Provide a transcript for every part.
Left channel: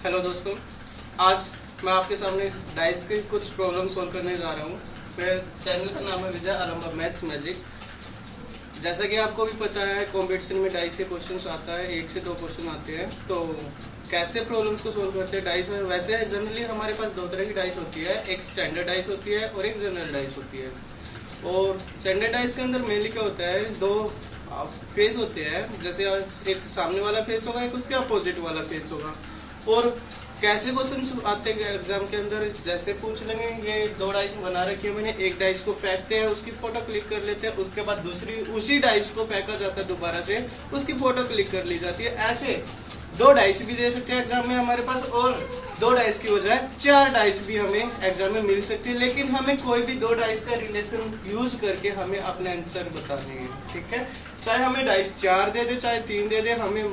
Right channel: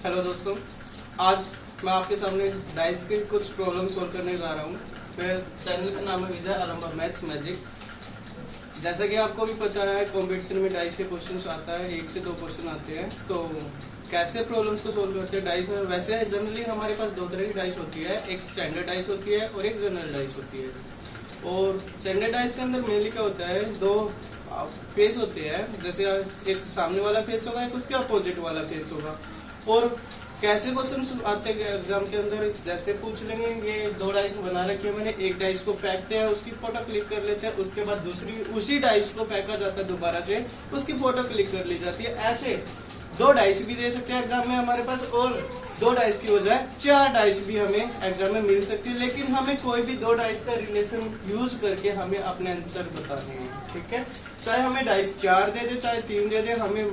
Hello दोस्तों, आज मैं आपके सामने डाइस के कुछ प्रॉब्लम सॉल्व करने जा रहा हूँ। मेरे चैनल का नाम है विजय आलम्बा मैथ्स मैजिक। जैसा कि आपको भी पता है, कंपटीशन में डाइस के क्वेश्चंस आता है, 1 से 2 क्वेश्चन आते हैं। तो कैसे प्रॉब्लम्स को सोल्व करते हैं डाइस में? वैसे जनरली हमारे पास 2 तरह की डाइस होती है, एक स्टैंडर्ड डाइस होती है और एक जनरल डाइस होती है। और स्टैंडर्ड डाइस के अंदर मेनली क्या होता है, 2 फेस होते हैं। जैसे एक सामने वाला फेस होगा, एक उसके अपोजिट वाला फेस होगा। और कैसे क्वेश्चन आते हैं एग्जाम के अंदर, जैसे पूछ लेंगे ये 2 डाइस बना रखी है मैंने, एक डाइस को फेंकते हैं, उसकी फोटो क्लिक कर लेते हैं, उसके बाद दूसरी उसी डाइस को फेंका जाता है दोबारा से, उसकी फोटो क्लिक कर ली जाती है। ऐसे 2 डाइस भी दे सकते हैं एग्जाम में हमारे पास, और 2 डाइस की बजाय 4 डाइस भी हमें एग्जाम में मिल सकती है। लेकिन हमें कोई भी 2 डाइस का रिलेशन यूज करके हमें अपने आंसर बताने हैं, ठीक है। चाहे हमें डाइस 4 दे दे, चाहे 3 दे दे, हमें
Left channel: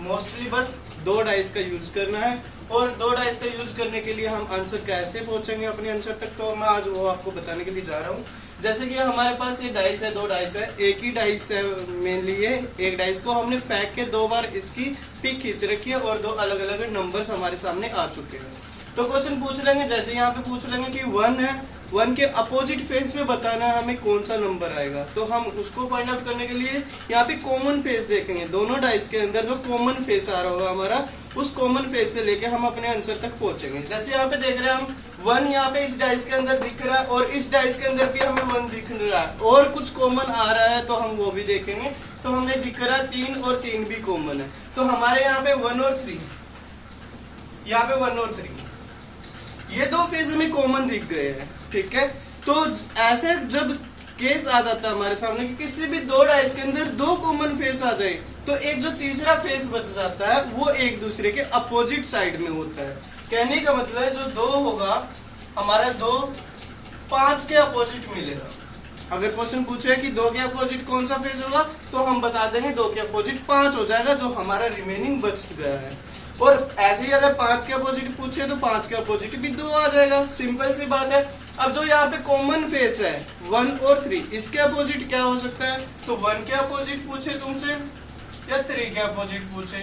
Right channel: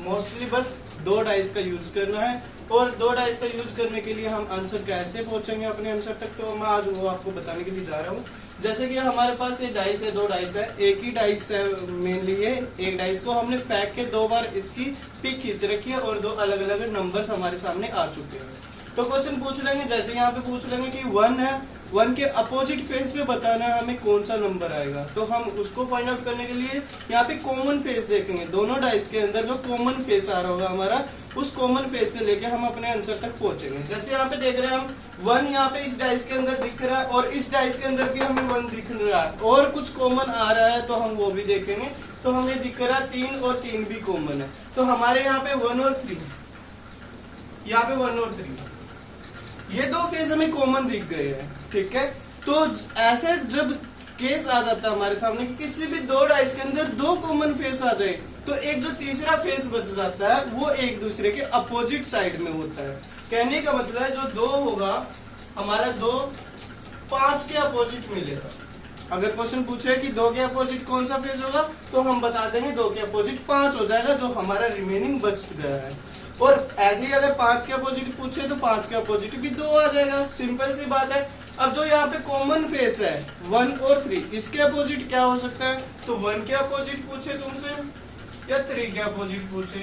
मोस्टली बस 2 डाइस का यूज करना है। और 2 डाइस का यूज करने के लिए हम आंसर कैसे पहुंचेंगे अपने आंसर तक, तो मैं आज वो आपको बताने के लिए जा रहा हूँ। जैसे कि हमारे पास ये डाइस है, 2 डाइस है, एक ही डाइस है मेनली ये। एक डाइस को हमने फेंक के 2 बार इसकी पिक खींच रखी है और 2 अलग अलग नंबर्स हमारे सामने आ चुके हैं। तो क्वेश्चन पूछ लेंगे, जैसे यहाँ पे पूछ लेंगे कि 1 है, 1 के अपोजिट फेस में बताना है हमें कौन सा नंबर आएगा। तो हम उसको फाइंड आउट करने के लिए यहाँ पे कॉमन फेस देखेंगे। दोनों डाइस के अंदर जो कॉमन फेस आ रहा होगा हमारा, उस कॉमन फेस से लेके हम अपने आंसर तक पहुंचेंगे। जैसे यहाँ पे देख रहे हैं हम 1 यहाँ पे इस डाइस के अंदर दिख रहा है और इस डाइस के अंदर भी हमें 1 दिख रहा है, और कुछ कॉमन आ रहा है तो हम वो भी देखेंगे। तो हमें दिख रहा है 3 और 3 भी कॉमन है। तो हमारे यहाँ पे 1 और 3, यहाँ पे 1 और 3, ये 2 फेस हमें कॉमन दिख गए हैं, ठीक है। तो ऐसे जब केस आ जाता है हमारे सामने कि किसी भी 2 डाइस के अंदर 2 कॉमन फेस आ जाए, तो एक जो तीसरा फेस बच जाता है वो एक दूसरे के अपोजिट साइड में होता है। कहने का मतलब है जो 2 होगा हमारा, 2 5 के अपोजिट मिलेगा। अगर क्वेश्चन पूछे कि 2 के अपोजिट कौन सा फेस होगा, तो हम बता देंगे 2 के अपोजिट 5 हो जाएगा, जो हमारा रिमेनिंग बच गया है। और ऐसे ही अगर 5 के अपोजिट पूछे तो 5 के अपोजिट भी 2 आ जाएगा। सिंपल सी बात है। अब जो यहाँ पे कॉमन फेस है 1 और 3, इसके अपोजिट क्या हो सकता है? तो 1 के अपोजिट पूछे तुमसे या 3 के अपोजिट पूछे,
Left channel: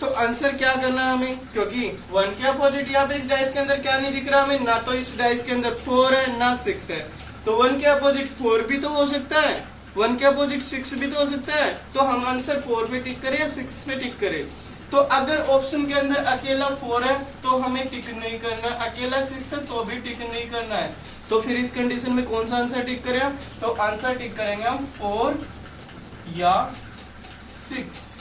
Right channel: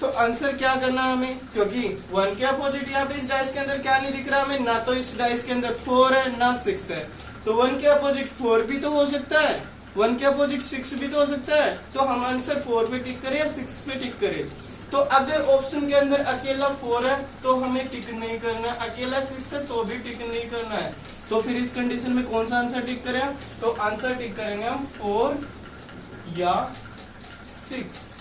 तो आंसर क्या करना है हमें, क्योंकि 1 के अपोजिट यहाँ पे इस डाइस के अंदर क्या नहीं दिख रहा हमें, ना तो इस डाइस के अंदर 4 है ना 6 है। तो 1 के अपोजिट 4 भी तो हो सकता है, 1 के अपोजिट 6 भी तो हो सकता है। तो हम आंसर 4 पे टिक करें या 6 पे टिक करें? तो अगर ऑप्शन के अंदर अकेला 4 है तो हमें टिक नहीं करना, अकेला 6 है तो भी टिक नहीं करना है। तो फिर इस कंडीशन में कौन सा आंसर टिक करें? तो आंसर टिक करेंगे हम 4 या 6।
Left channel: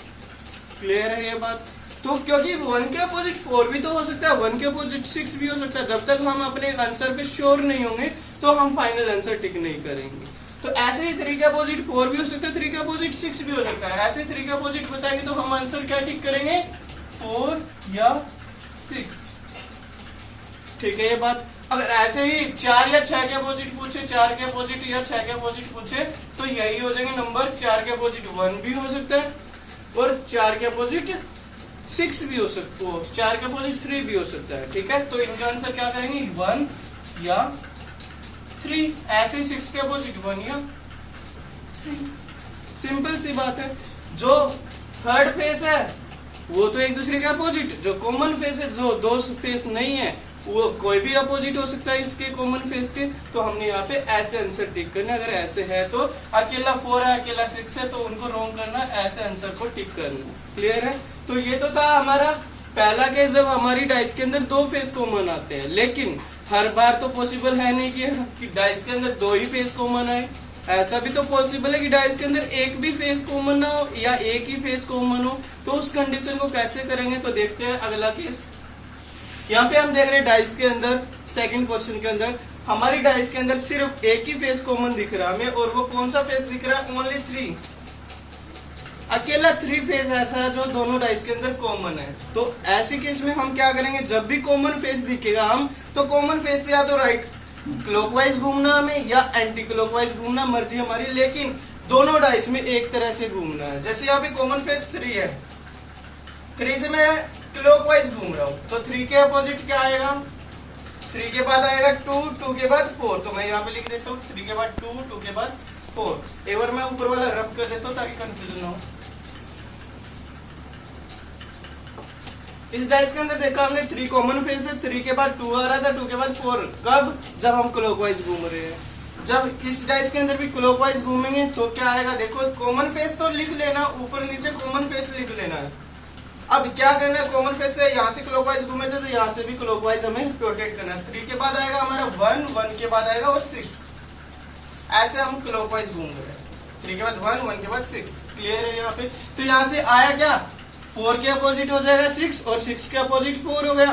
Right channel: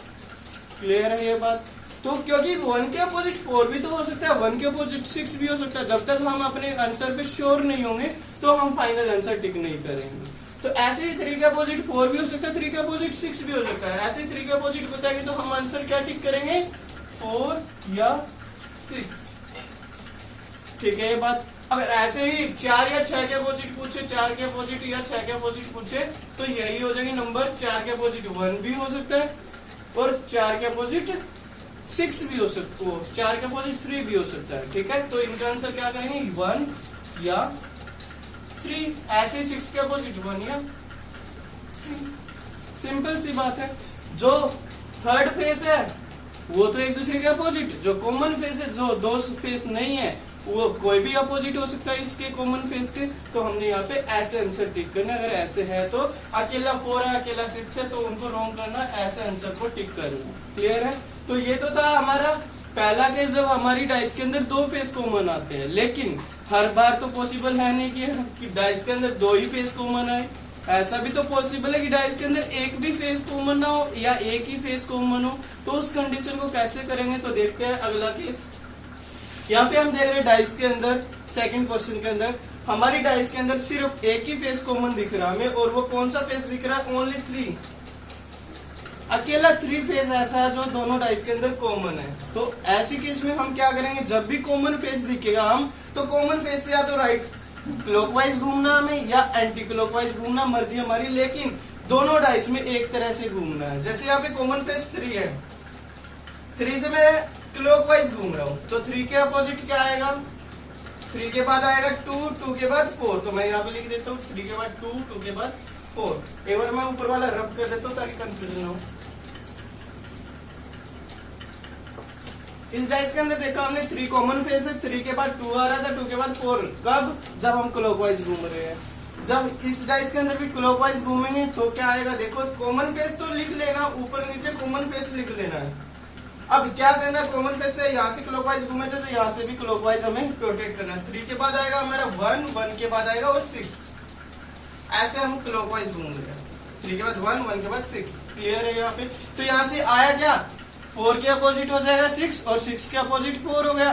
क्लियर है ये बात? तो क्योंकि 1 के अपोजिट 4 भी तो हो सकता है, 1 के अपोजिट 6 भी हो सकता है। जब तक हम अपने आंसर पे श्योर नहीं होंगे तो हम फाइनल आंसर टिक नहीं करेंगे। तो ऐसे ही 3 के अपोजिट 4 भी हो सकता है, 3 के अपोजिट 6 भी हो सकता है। ऐसे 3 के अपोजिट बताएंगे तो हम आंसर क्या टिक करेंगे? 4 या 6। ठीक है ये बात। अगर ऐसे ही 4 या 6 के अपोजिट पूछे, 4 के अपोजिट या 6 के अपोजिट पूछे, तो यही हो जाएंगे नंबर। 4 के अपोजिट 1 भी हो सकता है और 4 के अपोजिट 6 भी हो सकता है, 4 के अपोजिट 3 भी हो सकता है, ठीक है। तो इनका आंसर क्या करेंगे? 1 या 3। ऐसे 6 के अपोजिट 1 या 3। सिंपल सी बात है। जो थर्ड फेस है वो तो एक दूसरे के अपोजिट, जो कॉमन फेस है, जो 2 फेस नहीं है, वो कोई भी अपोजिट हो सकता है इसके कॉमन फेस के। तो हमने यहाँ पे ऐसे आंसर टिक करना। अगर ऐसे है तो अकेला 4 है, अकेला 6 है, तो उनको रॉन्ग करना, ऐसे आंसर को टिक करना। क्लियर है? तो ये तो था हमारा पहला केस, जब हमारी डाइस के अंदर 2 फेस कॉमन आते हैं। लेकिन हर बार तो पॉसिबल है नहीं कि डाइस के अंदर 2 ही फेस कॉमन आए। ऐसा भी तो पॉसिबल है कि डाइस के अंदर एक भी फेस कॉमन ना हो या एक ही फेस कॉमन हो। तो उस कंडीशन को कैसे करेंगे, तो देखते हैं अगला केस। यहाँ पे हम देख रहे हैं डाइस के अंदर, सेकंड क्वेश्चन के अंदर हमारी डाइस के अंदर सिर्फ एक ही फेस कॉमन दिख रहा है हमें, और वो कौन सा फेस दिख रहा है? ओनली 3। अकेला 3 फेस ऐसा है जो दोनों डाइस के अंदर कॉमन है। तो ऐसी केस में हम क्या करेंगे, जब भी कॉमन फेस दिखेगा हम तो कॉमन फेस से या तो राइट क्लॉकवाइज घूमना हमें या एंटी क्लॉकवाइज घूमना, मर्जी हमारी, लेकिन दोनों डाइस में एक तरह से घूमना है। जैसे यहाँ पे कॉमन फेस 3 है, 3 से मैं क्लॉकवाइज घूम रहा हूँ, तो 3 के अपोजिट क्या आएगा? 3 के बाद आएगा 2, 2 के बाद 4। तो मैं यहाँ पे लिख देता हूँ 3 के बाद 2, 2 के बाद 4। एक बार मैं ऊपर वाला रब कर देता हूँ ताकि कंफ्यूजन ना हो। इस डाइस के अंदर देखा हमने 3 कॉमन फेस है, 3 के बाद 2 आ रहा था, 2 के बाद 4। कब? जब हम क्लॉकवाइज घूम रहे हैं। जब इस डाइस के अंदर भी क्लॉकवाइज घूमेंगे तो क्या आएगा, देखो कॉमन फेस तो लिख लेना, ऊपर नीचे कॉमन फेस लिख लेना है। अब क्या करना है, कॉमन फेस से यहाँ से क्लॉकवाइज घूमे थे तो यहाँ से भी क्लॉकवाइज हमें रोटेट करना है। 3 के बाद आएगा हमारा 1, 1 के बाद आएगा और 6, ऐसे हम क्लॉकवाइज घूम रहे हैं। 3 के बाद 1, 1 के बाद 6। क्लियर है यहाँ पे? तो यहाँ से आया क्या, 4 के अपोजिट हो जाएगा 6 और 6 के अपोजिट 4 हो गया।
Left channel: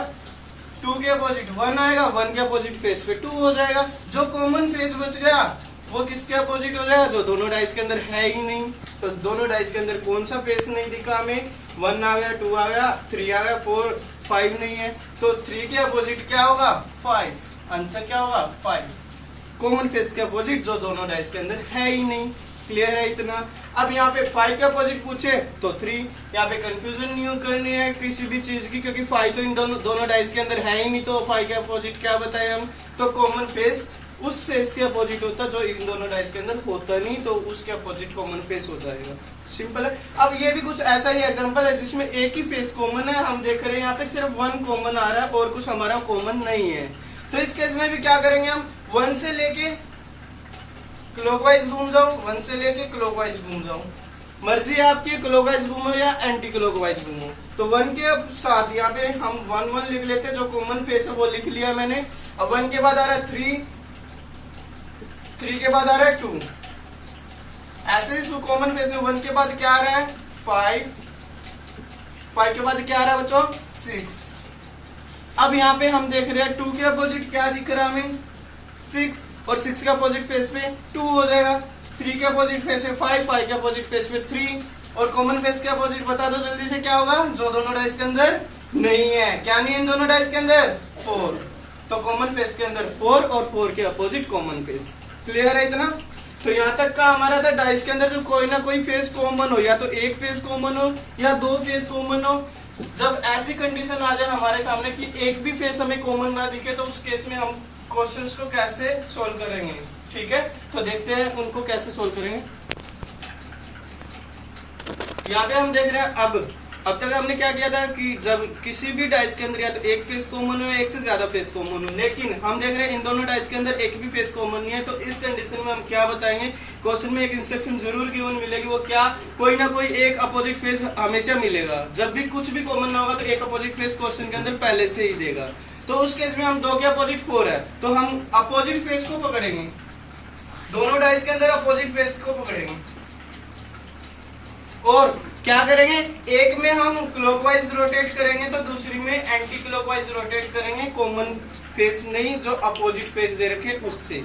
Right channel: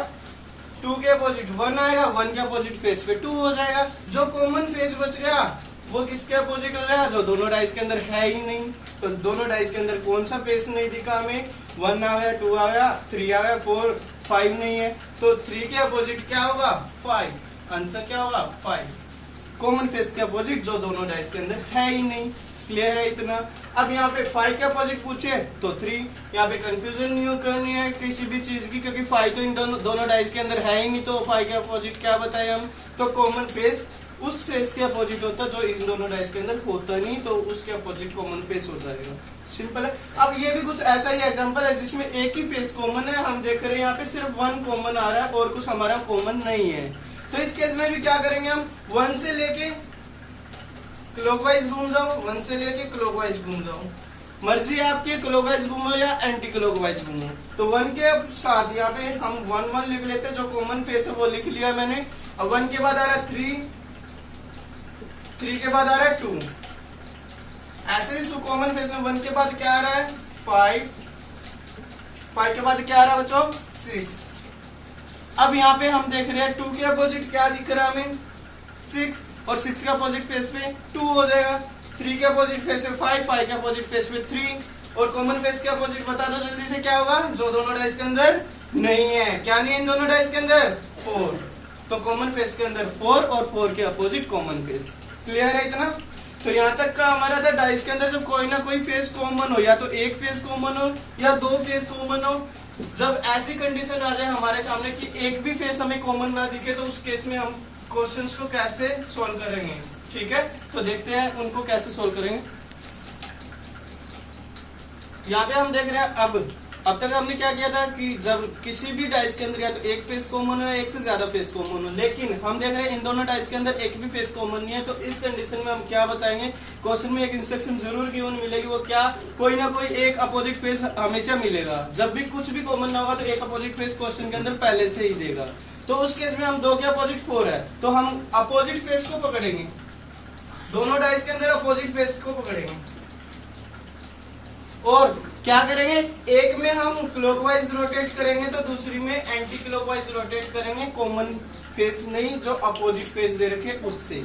2 के अपोजिट 1 आएगा, 1 के अपोजिट फेस पे 2 हो जाएगा। जो कॉमन फेस बच गया वो किसके अपोजिट हो जाएगा, जो दोनों डाइस के अंदर है ही नहीं। तो दोनों डाइस के अंदर कौन सा फेस नहीं दिखा हमें, 1 आ गया, 2 आ गया, 3 आ गया, 4, 5 नहीं है। तो 3 के अपोजिट क्या होगा, 5। आंसर क्या होगा, 5। कॉमन फेस के अपोजिट जो दोनों डाइस के अंदर है ही नहीं। क्लियर है इतना? अब यहाँ पे 5 के अपोजिट पूछे तो 3। यहाँ पे कंफ्यूजन नहीं करनी है किसी भी चीज की, क्योंकि 5 तो इन दोनों डाइस के अंदर है ही नहीं। तो 5 के अपोजिट क्या बताए हम, तो कॉमन फेस उस फेस के अपोजिट होता जो इन दोनों डाइस के अंदर होता नहीं, तो उसके अपोजिट कॉमन फेस हो जाएगा। सिंपल है। अब ये भी कुछ ऐसा ही एग्जांपल है जिसमें एक ही फेस कॉमन है, हम देख रहे हैं यहाँ पे सिर्फ 1 कॉमन आ रहा है और कुछ हमारा कॉमन नहीं है। तो इस केस में भी क्या करेंगे हम, 1 से लेके क्लॉकवाइज घूम जाऊं, 1 से लेके क्लॉकवाइज घूम जाऊं, मर्जी आपकी क्लॉकवाइज घूमो या एंटी क्लॉकवाइज घूमो। तो 1 के साथ यहाँ पे हम 1 1 लिख लेते हैं, जो कॉमन फेस है वो लिख लिया मैंने। अब 1 के बाद आ रहा है 3, 3 के बाद आ रहा है 2। ऐसे ही कॉमन फेस में 1 के बाद क्या आ रहा है, 5, 5 के बाद क्या आ रहा है बच्चों, 6। अब यहाँ पे हम देख रहे हैं 2 के अपोजिट क्या दिख रहा है हमें, 6, और 6 के अपोजिट फेस पे 2 हो जाएगा। 3 के अपोजिट फेस पे 5, 5 के अपोजिट फेस पे 3, और कॉमन फेस के अपोजिट बता दो जल्दी से क्या होगा, जो दोनों डाइस के अंदर नहीं है। क्या नहीं है इन दोनों डाइस के अंदर, 4। तो कॉमन फेस के अंदर 4 और 4 के अपोजिट कॉमन फेस। क्लियर है इतना? तो यहाँ तक का हमारा था डाइस के अंदर जो कोई ना कोई फेस कॉमन हो, या तो एक फेस कॉमन हो या 2 फेस कॉमन हो। जब ऐसी कंडीशन आ जाए हमारे सामने कि एक भी फेस हमें कॉमन ना दिखे, तो उस केस में हम क्वेश्चंस को कैसे सॉल्व करेंगे। ठीक है, तो देखते हैं उनको कैसे सॉल्व करेंगे। यहाँ पे हम देख रहे हैं अब तक हमने क्या किया था कि जब किसी भी डाइस के अंदर या तो एक फेस कॉमन हो या एक से ज्यादा फेस कॉमन हो, लेकिन हम देख रहे हैं इन दोनों डाइस के अंदर एक भी फेस कॉमन नहीं है। तो इस कंडीशन में हम क्या बताएंगे, क्वेश्चन में एक इंस्ट्रक्शन जरूर गिवन मिलेगी, वो क्या, कोई ना कोई एक अपोजिट फेस हमेशा मिलेगा। जब भी कुछ भी कॉमन ना होगा तो एक अपोजिट फेस क्वेश्चन के अंदर पहले से ही देगा। तो उस केस में हम 2 के अपोजिट 4 है, तो हम अपोजिट फेस को पकड़ेंगे, दोनों डाइस के अंदर अपोजिट फेस को पकड़ेंगे और क्या करेंगे, एक में हम क्लॉकवाइज रोटेट करेंगे तो दूसरी में एंटी क्लॉकवाइज रोटेट करेंगे, कॉमन फेस नहीं जो अपोजिट फेस दे रखे उससे।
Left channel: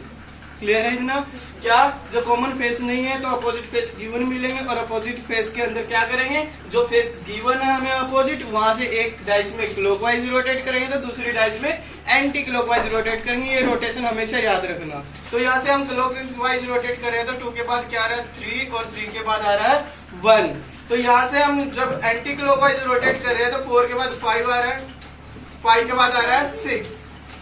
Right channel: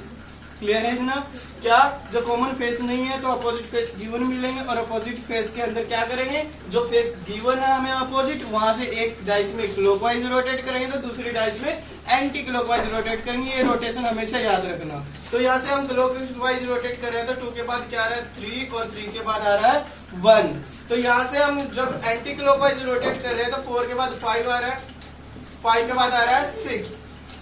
क्लियर है ना? क्या, जो कॉमन फेस नहीं है तो अपोजिट फेस गिवन मिलेंगे, और अपोजिट फेस के अंदर क्या करेंगे, जो फेस गिवन है हमें अपोजिट, वहां से एक डाइस में क्लॉकवाइज रोटेट करेंगे तो दूसरी डाइस में एंटी क्लॉकवाइज रोटेट करेंगे। ये रोटेशन हमेशा याद रखना। तो यहाँ से हम क्लॉकवाइज रोटेट कर रहे हैं तो 2 के बाद क्या आ रहा है, 3, और 3 के बाद आ रहा है 1। तो यहाँ से हम जब एंटी क्लॉकवाइज रोटेट कर रहे हैं तो 4 के बाद 5 आ रहा है, 5 के बाद आ रहा है 6।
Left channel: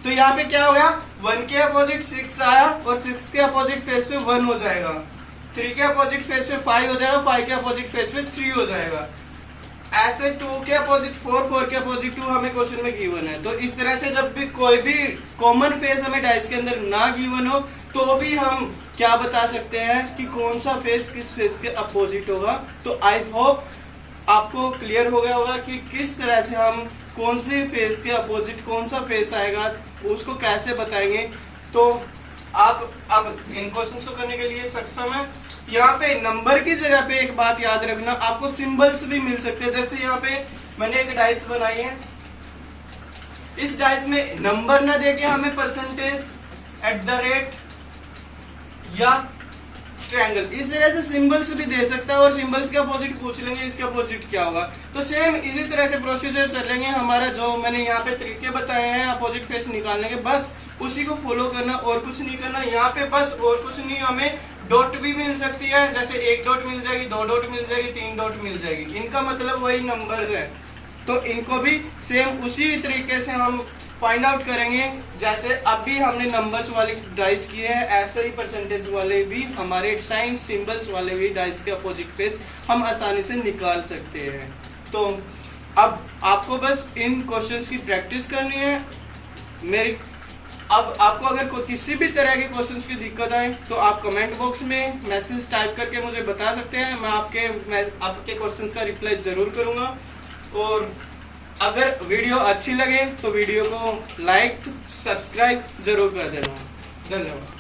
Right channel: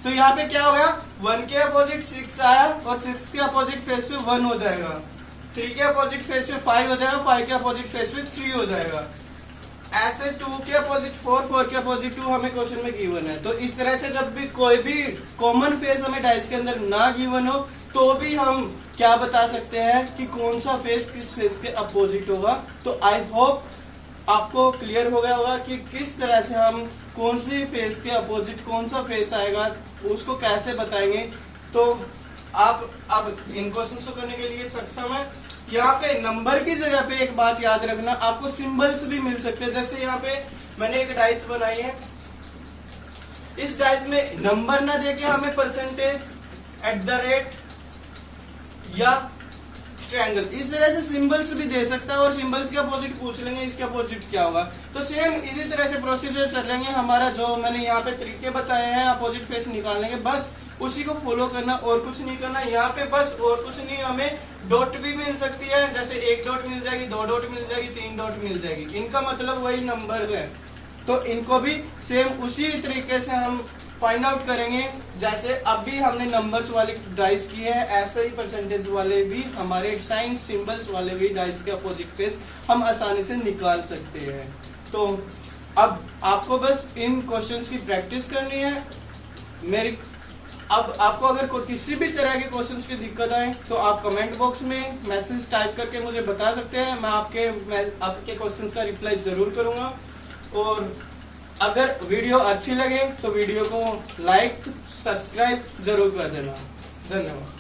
तो यहाँ पे क्या हो गया, 1 के अपोजिट 6 आया और 6 के अपोजिट फेस पे 1 हो जाएगा, 3 के अपोजिट फेस पे 5 हो जाएगा, 5 के अपोजिट फेस पे 3 हो जाएगा। ऐसे 2 के अपोजिट 4, 4 के अपोजिट 2 हमें क्वेश्चन में गिवन है। तो इस तरह से जब भी कोई भी कॉमन फेस हमें डाइस के अंदर ना गिवन हो तो भी हम क्या बता सकते हैं कि कौन सा फेस किस फेस के अपोजिट होगा। तो आई होप आपको क्लियर हो गया होगा कि किस तरह से हम कौन सी फेस के अपोजिट कौन सा फेस आएगा उसको कैसे बताएंगे। तो आप अब इन क्वेश्चंस को करने के लिए सक्षम है। यहाँ पे नंबर की जगह पे एक बात याद रखना, आपको सिंबल्स भी मिल सकते हैं। जैसे यहाँ पे मैंने एक डाइस बनाई है, इस डाइस में नंबर ना देके हमें परसेंटेज, @ या ट्रायंगल, इस तरह से सिंबल्स भी दे सकता है, और सिंबल्स के अपोजिट पूछ लेंगे इसके अपोजिट क्या होगा। तो सेम इसी तरह से प्रोसीजर चलेंगे हमारा, जो मैंने यहाँ पे तरीके बताए हैं अपोजिट फेस निकालने के, बस उसी को फॉलो करना और कुछ नहीं करना। यहाँ पे बस और कुछ नहीं, हमें डॉट भी मिल सकती है, जैसे 1 डॉट मिल जाएगी, 2 डॉट मिल जाएगी, 3 डॉट मिल जाएगी, इनका मतलब वही नंबर है। तो इनको भी सेम उसी तरीके से हम फाइंड आउट करेंगे, जैसे अभी हमने नंबर्स वाले डाइस किए हैं, ऐसे ही परसेंटेज वाले भी, हमारे साइन सिंबल्स वाले भी डाइस के अपोजिट फेस हम आसानी से निकाल सकते हैं। तो अब आप आपको बस इन क्वेश्चंस की प्रैक्टिस करनी है। मेरी अब आपको अगर किसी भी तरह के क्वेश्चंस की दिक्कत आए तो आप कमेंट बॉक्स में मैसेज टाइप करके मुझे बता सकते हैं। मैं आपके क्वेश्चंस का रिप्लाई जरूर करूंगा। और अगर वीडियो अच्छी लगे तो वीडियो को लाइक सब्सक्राइब जरूर कर देना। धन्यवाद।